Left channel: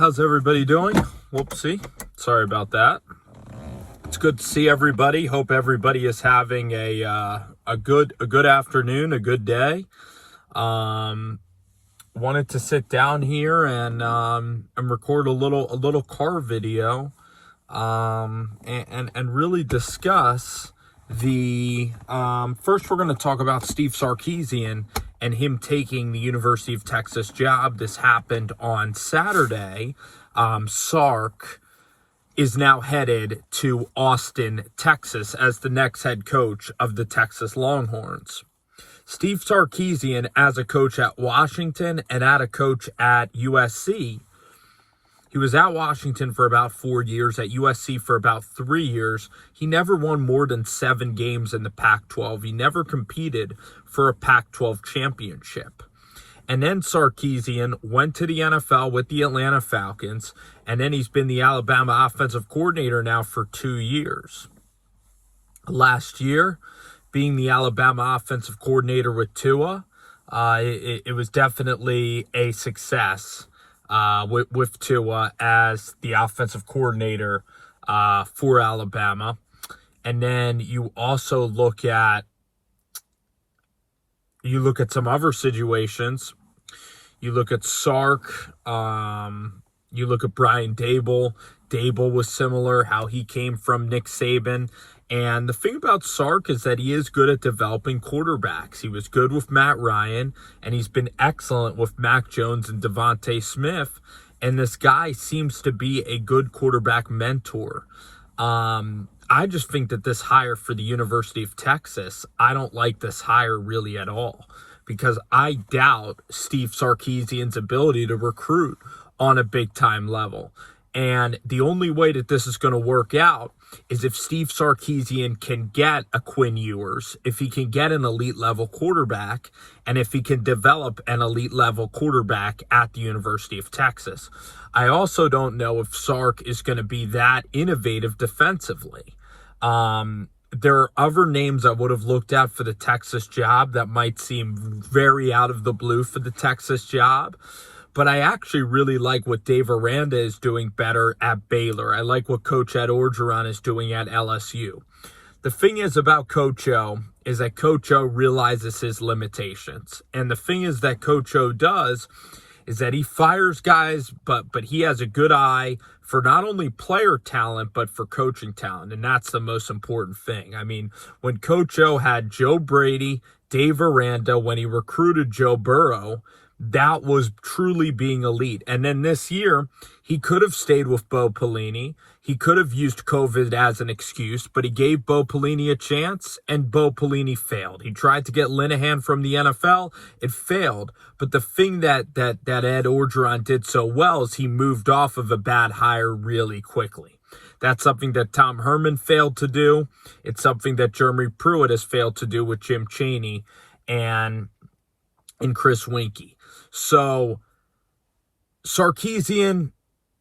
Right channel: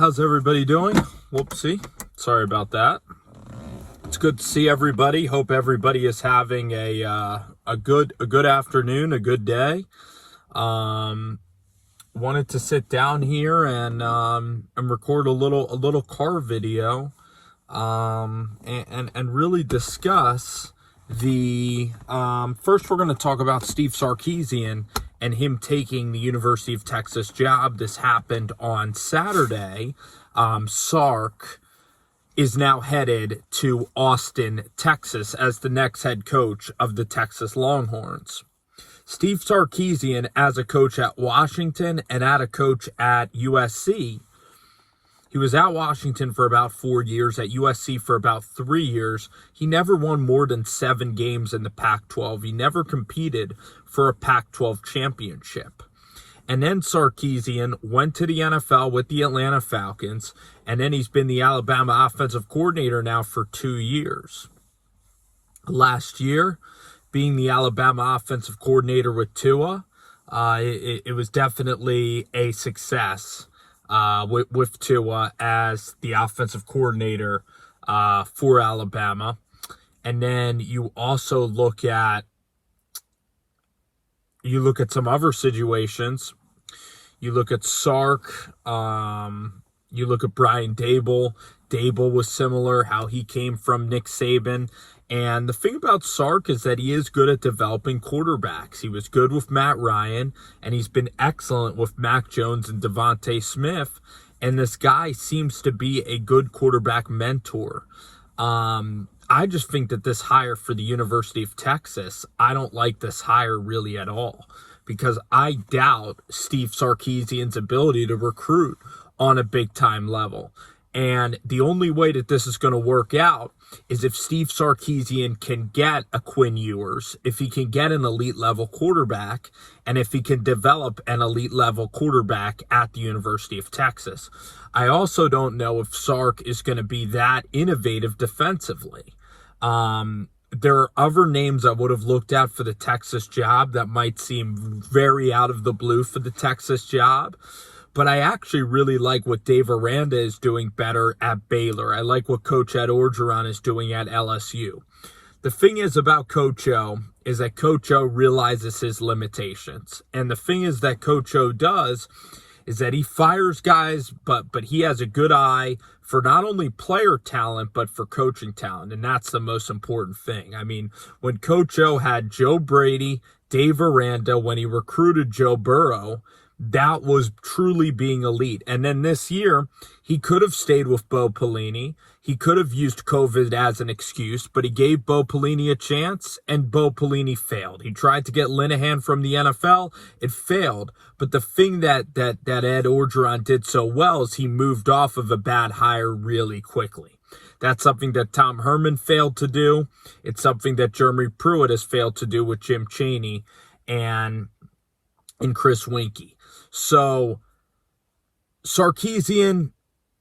How's everybody doing? Whoopsie. Sorry about that. It's good to see everybody. Hope everybody is having a good afternoon, a good day. Wanted to sit down here and record a little car video and really discuss the first we're going to talk about Steve Sarkisian and him taking the University of Texas job. This happened on Saturday. Sark is now headed to Austin, Texas as the next head coach of the Texas Longhorns. Steve Sarkisian, as a coach at Washington and as a coach at USC, he was at Washington for about 4 years, at USC for about 3 years. He never won more than 7 games in the Pac-12. He never competed for a Pac-12 championship. And then Sarkisian went to the NFL with the Atlanta Falcons, and then he's been the Alabama offensive coordinator now for 2 years. Last year, being the Alabama offensive coordinator with Tua, it was definitely a success with Tua as the offensive coordinator for Alabama. And then you also look at some other situations. You look at Sark, you look at Brian Daboll. Daboll was similar, how he came from Nick Saban. And the thing about Sark is that he is good at developing quarterbacks. He was good with Matt Ryan, and he's been excellent with Mac Jones and Devontae Smith. And this guy seems to be a good quarterback mentor. I just think that this hire for the University of Texas, I don't like this hire really at all, because I doubt Steve Sarkisian's ability to recruit on a big-time level. And the only way that this is going to work out is if Steve Sarkisian can get a Quinn Ewers, if he can get an elite-level quarterback, and if he can develop an elite-level quarterback at the University of Texas. I also don't know if Sark is going to be that innovative defensively. There are other names I would have looked at for the Texas job that might seem very out of the blue for the Texas job. But I actually really like what Dave Aranda is doing better at Baylor. I like what Coach Ed Orgeron is doing at LSU. The thing is about Coach O is that Coach O realizes his limitations. And the thing is that Coach O does is that he fires guys, but he has a good eye for not only player talent, but for coaching talent. And that's the most important thing. I mean, when Coach O had Joe Brady, Dave Aranda, when he recruited Joe Burrow, that was truly being elite. And then this year, he could have stayed with Bo Pelini. He could have used COVID as an excuse, but he gave Bo Pelini a chance, and Bo Pelini failed. He tried to get Linehan from the NFL. It failed. But the thing that Ed Orgeron did so well is he moved off of a bad hire really quickly. That's something that Tom Herman failed to do. It's something that Jeremy Pruitt has failed to do with Jim Chaney and Chris Weinke. So Sarkisian,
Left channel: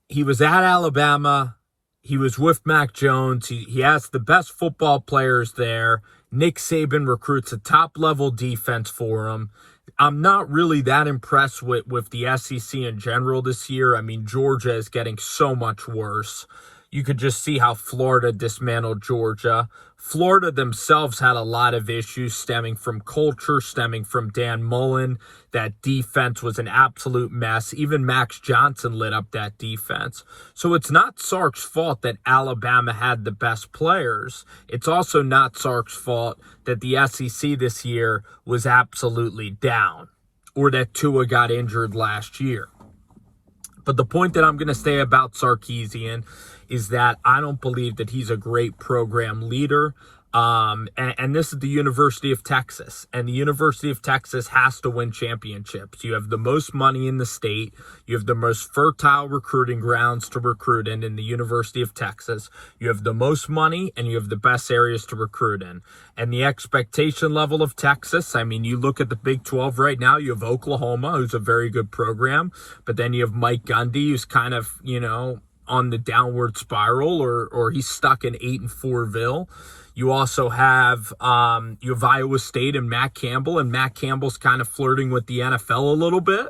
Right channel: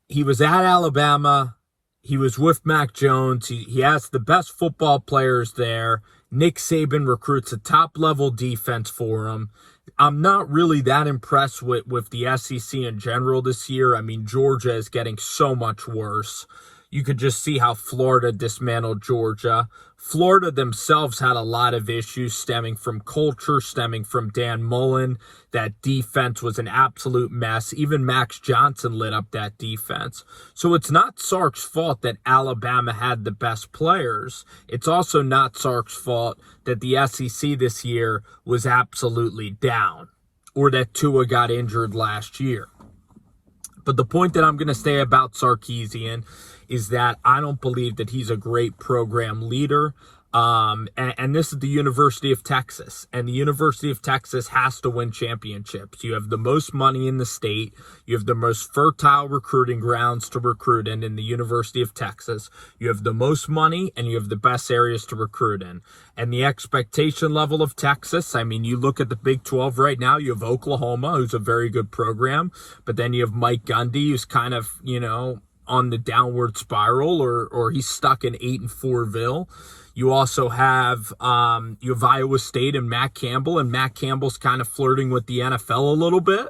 he was at Alabama. He was with Mac Jones. He has the best football players there. Nick Saban recruits a top-level defense for him. I'm not really that impressed with the SEC in general this year. I mean, Georgia is getting so much worse. You could just see how Florida dismantled Georgia. Florida themselves had a lot of issues stemming from culture, stemming from Dan Mullen. That defense was an absolute mess. Even Max Johnson lit up that defense. So it's not Sark's fault that Alabama had the best players. It's also not Sark's fault that the SEC this year was absolutely down, or that Tua got injured last year. But the point that I'm going to say about Sarkisian is that I don't believe that he's a great program leader. And this is the University of Texas. And the University of Texas has to win championships. You have the most money in the state. You have the most fertile recruiting grounds to recruit in the University of Texas. You have the most money, and you have the best areas to recruit in. And the expectation level of Texas, I mean, you look at the Big 12 right now, you have Oklahoma, who's a very good program. But then you have Mike Gundy, who's kind of, on the downward spiral, or he's stuck in 8-4ville. You also have Iowa State and Matt Campbell, and Matt Campbell's kind of flirting with the NFL a little bit.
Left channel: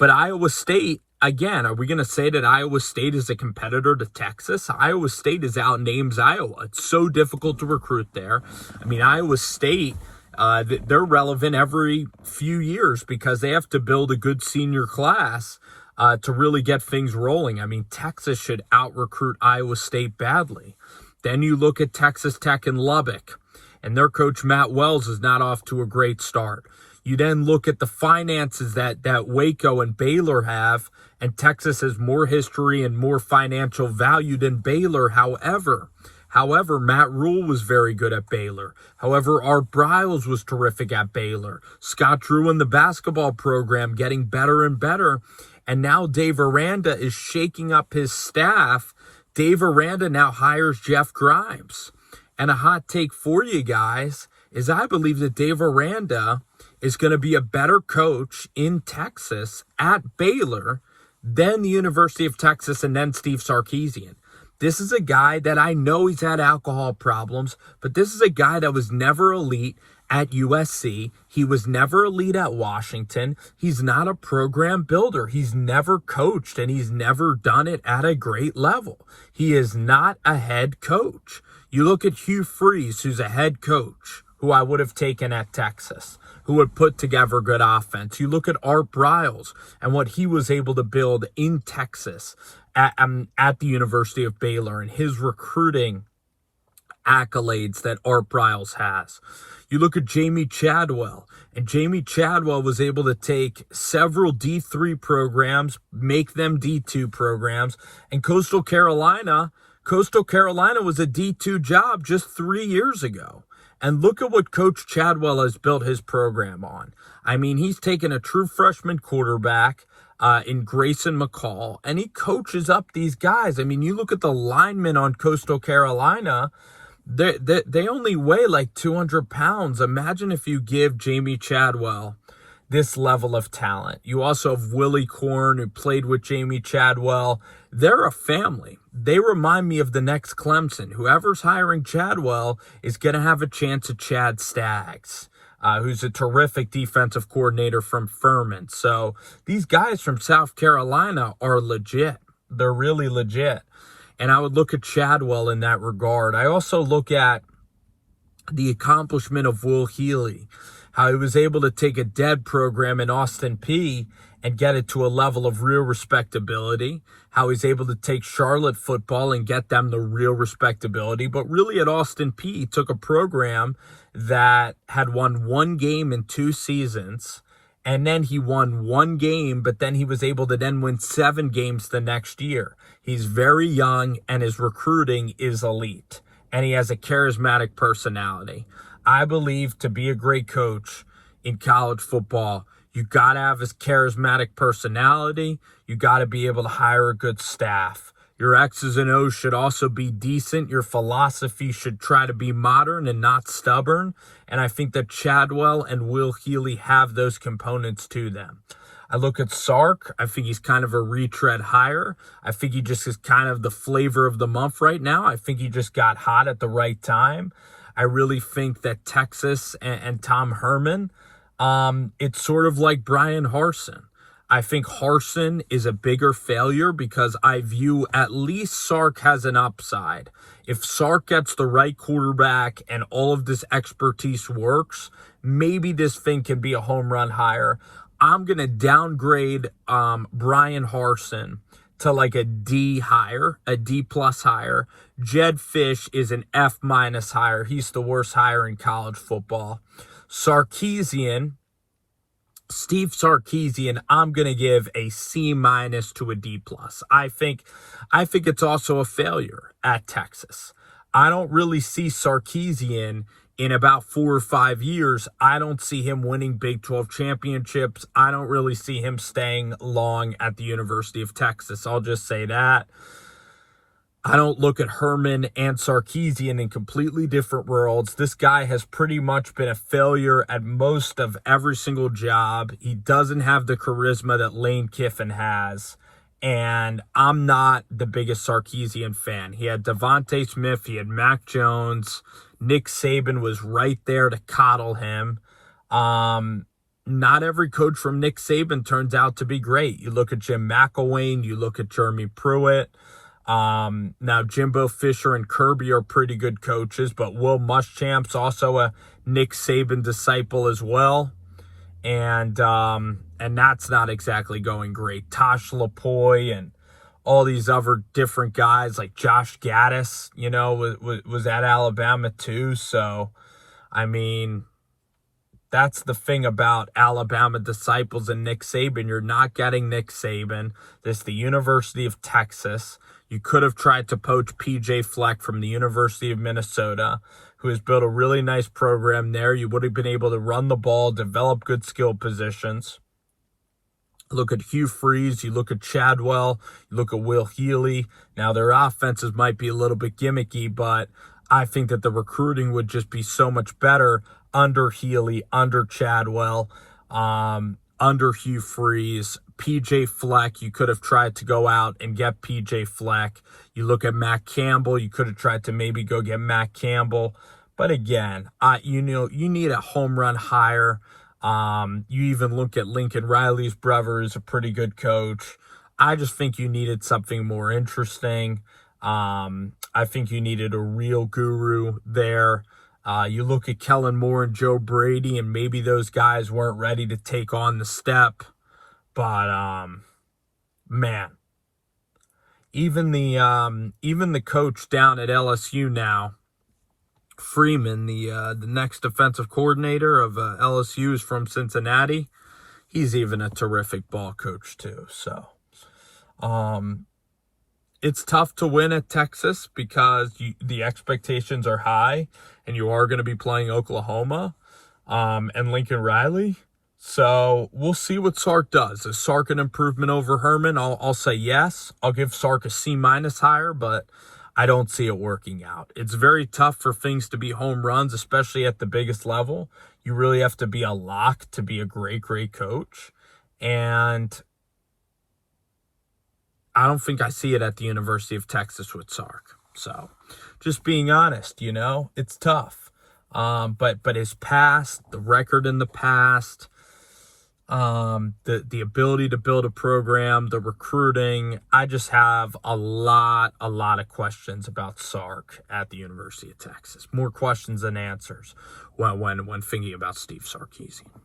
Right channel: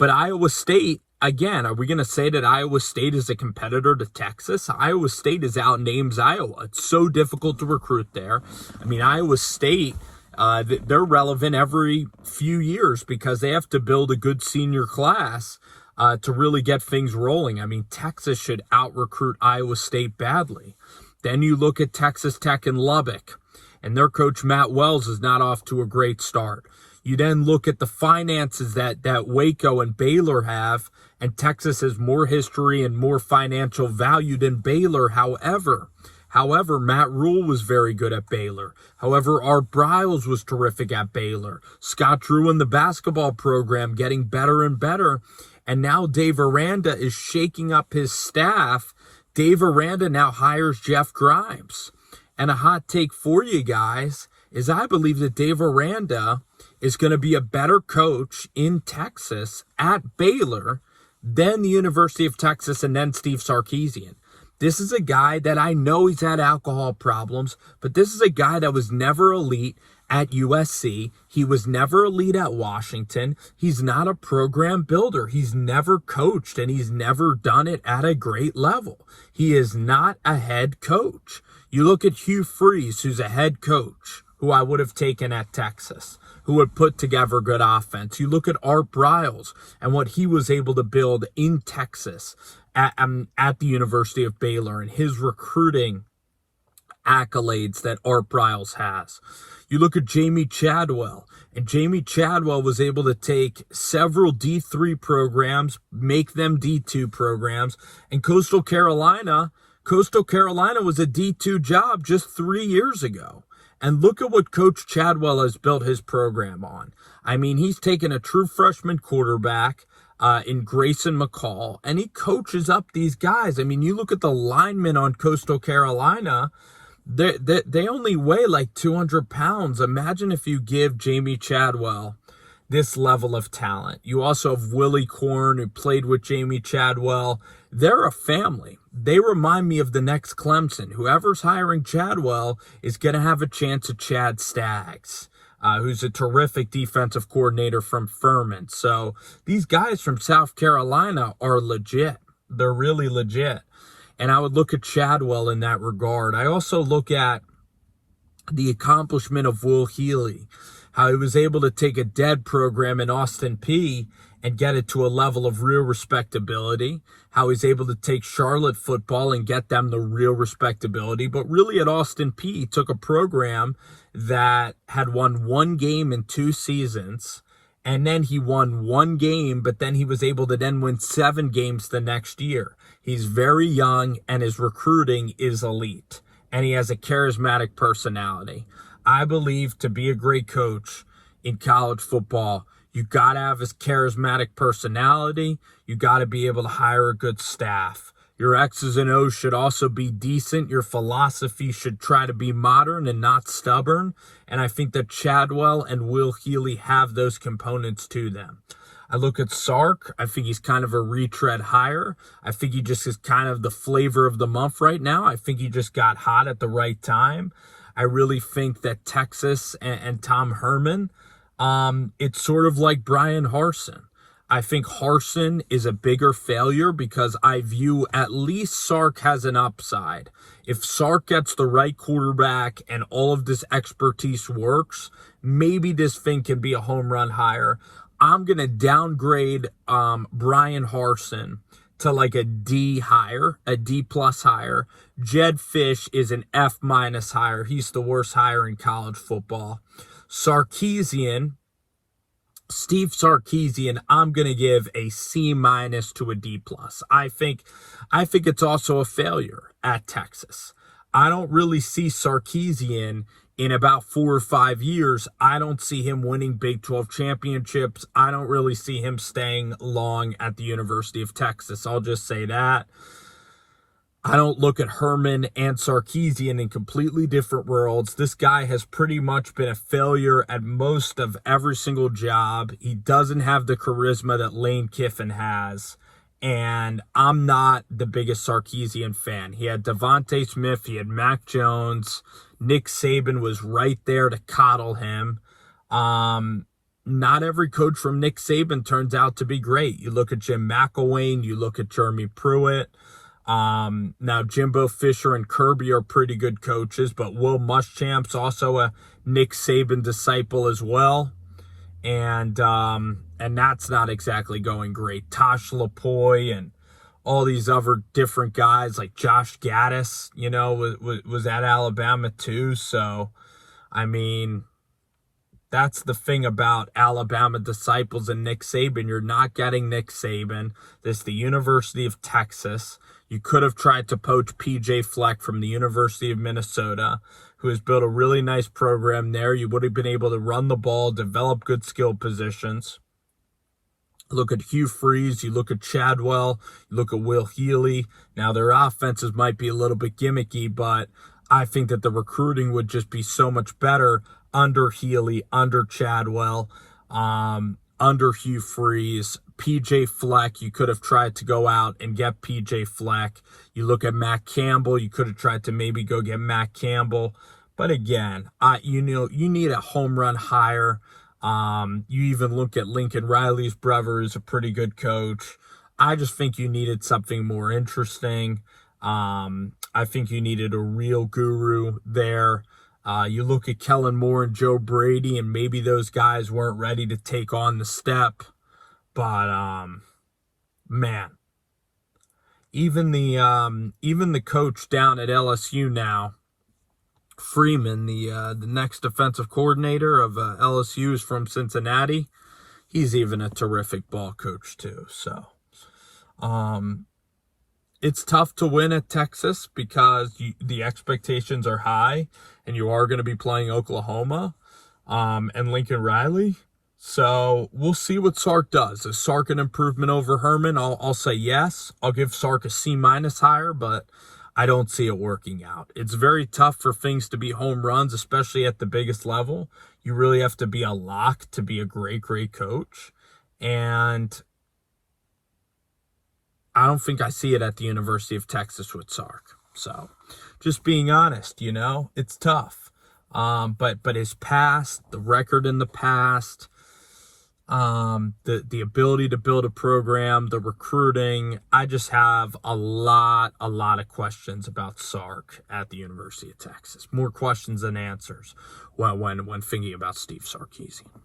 But Iowa State again, are we going to say that Iowa State is a competitor to Texas? Iowa State is out names Iowa. It's so difficult to recruit there. I mean, Iowa State, they're relevant every few years because they have to build a good senior class to really get things rolling. I mean, Texas should out-recruit Iowa State badly. Then you look at Texas Tech and Lubbock, and their coach Matt Wells is not off to a great start. You then look at the finances that Waco and Baylor have, and Texas has more history and more financial value than Baylor. However, Matt Rule was very good at Baylor. However, Art Briles was terrific at Baylor. Scott Drew in the basketball program getting better and better. And now Dave Aranda is shaking up his staff. Dave Aranda now hires Jeff Grimes. And a hot take for you guys is I believe that Dave Aranda is going to be a better coach in Texas at Baylor than the University of Texas and then Steve Sarkisian. This is a guy that I know he's had alcohol problems, but this is a guy that was never elite at USC. He was never elite at Washington. He's not a program builder. He's never coached, and he's never done it at a great level. He is not a head coach. You look at Hugh Freeze, who's a head coach, who I would have taken at Texas, who would put together good offense. You look at Art Briles and what he was able to build in Texas at the University of Baylor and his recruiting accolades that Art Briles has. You look at Jamie Chadwell, and Jamie Chadwell was able to take several D3 programs, make them D2 programs, and Coastal Carolina was a D2 job just 3 years ago. And look at what Coach Chadwell has built his program on. I mean, he's taken a true freshman quarterback in Grayson McCall, and he coaches up these guys. I mean, you look at the linemen on Coastal Carolina, they only weigh like 200 pounds. Imagine if you give Jamie Chadwell this level of talent. You also have Willie Korn, who played with Jamie Chadwell. They're a family. They remind me of the next Clemson. Whoever's hiring Chadwell is going to have a chance at Chad Staggs, who's a terrific defensive coordinator from Furman. So these guys from South Carolina are legit. They're really legit. And I would look at Chadwell in that regard. I also look at the accomplishment of Will Healy, how he was able to take a dead program in Austin Peay and get it to a level of real respectability, how he's able to take Charlotte football and get them the real respectability. But really at Austin Peay, he took a program that had won one game in 2 seasons, and then he won one game, but then he was able to then win 7 games the next year. He's very young, and his recruiting is elite, and he has a charismatic personality. I believe to be a great coach in college football, you got to have his charismatic personality. You got to be able to hire a good staff. Your X's and O's should also be decent. Your philosophy should try to be modern and not stubborn. And I think that Chadwell and Will Healy have those components to them. I look at Sark. I think he's kind of a retread hire. I think he just is kind of the flavor of the month right now. I think he just got hot at the right time. I really think that Texas and Tom Herman, it's sort of like Brian Harsin. I think Harsin is a bigger failure because I view at least Sark has an upside. If Sark gets the right quarterback and all of this expertise works, maybe this thing can be a home run hire. I'm going to downgrade Brian Harsin to like a D hire, a D plus hire. Jed Fish is an F minus hire. He's the worst hire in college football. Steve Sarkisian, I'm going to give a C minus to a D plus. I think it's also a failure at Texas. I don't really see Sarkisian in about 4 or 5 years. I don't see him winning Big 12 championships. I don't really see him staying long at the University of Texas. I'll just say that. I don't look at Herman and Sarkisian in completely different worlds. This guy has pretty much been a failure at most of every single job. He doesn't have the charisma that Lane Kiffin has. And I'm not the biggest Sarkisian fan. He had Devontae Smith. He had Mac Jones. Nick Saban was right there to coddle him. not every coach from Nick Saban turns out to be great. You look at Jim McElwain, you look at Jeremy Pruitt. Now Jimbo Fisher and Kirby are pretty good coaches, but Will Muschamp's also a Nick Saban disciple as well. And that's not exactly going great. Tosh Lapoy and all these other different guys like Josh Gaddis, was at Alabama too. So, I mean, that's the thing about Alabama disciples and Nick Saban. You're not getting Nick Saban. This is the University of Texas. You could have tried to poach PJ Fleck from the University of Minnesota, who has built a really nice program there. You would have been able to run the ball, develop good skill positions. Look at Hugh Freeze, you look at Chadwell, you look at Will Healy. Now, their offenses might be a little bit gimmicky, but I think that the recruiting would just be so much better under Healy, under Chadwell, under Hugh Freeze. PJ Fleck, you could have tried to go out and get PJ Fleck. You look at Matt Campbell, you could have tried to maybe go get Matt Campbell. But again, you need a home run hire. You even look at Lincoln Riley's brother, who's a pretty good coach. I just think you needed something more interesting. I think you needed a real guru there. You look at Kellen Moore and Joe Brady, and maybe those guys weren't ready to take on the step. But, man, even the coach down at LSU now, Freeman, the next defensive coordinator of LSU, is from Cincinnati. He's even a terrific ball coach too. So, it's tough to win at Texas because the expectations are high, and you are going to be playing Oklahoma and Lincoln Riley. So we'll see what Sark does. Is Sark an improvement over Herman? I'll say yes. I'll give Sark a C- higher, but I don't see it working out. It's very tough for things to be home runs, especially at the biggest level. You really have to be a lock to be a great, great coach. And I don't think I see it at the University of Texas with Sark. So just being honest, it's tough. But his past, the record in the past, the ability to build a program, the recruiting, I just have a lot of questions about Sark at the University of Texas. More questions than answers when thinking about Steve Sarkisian.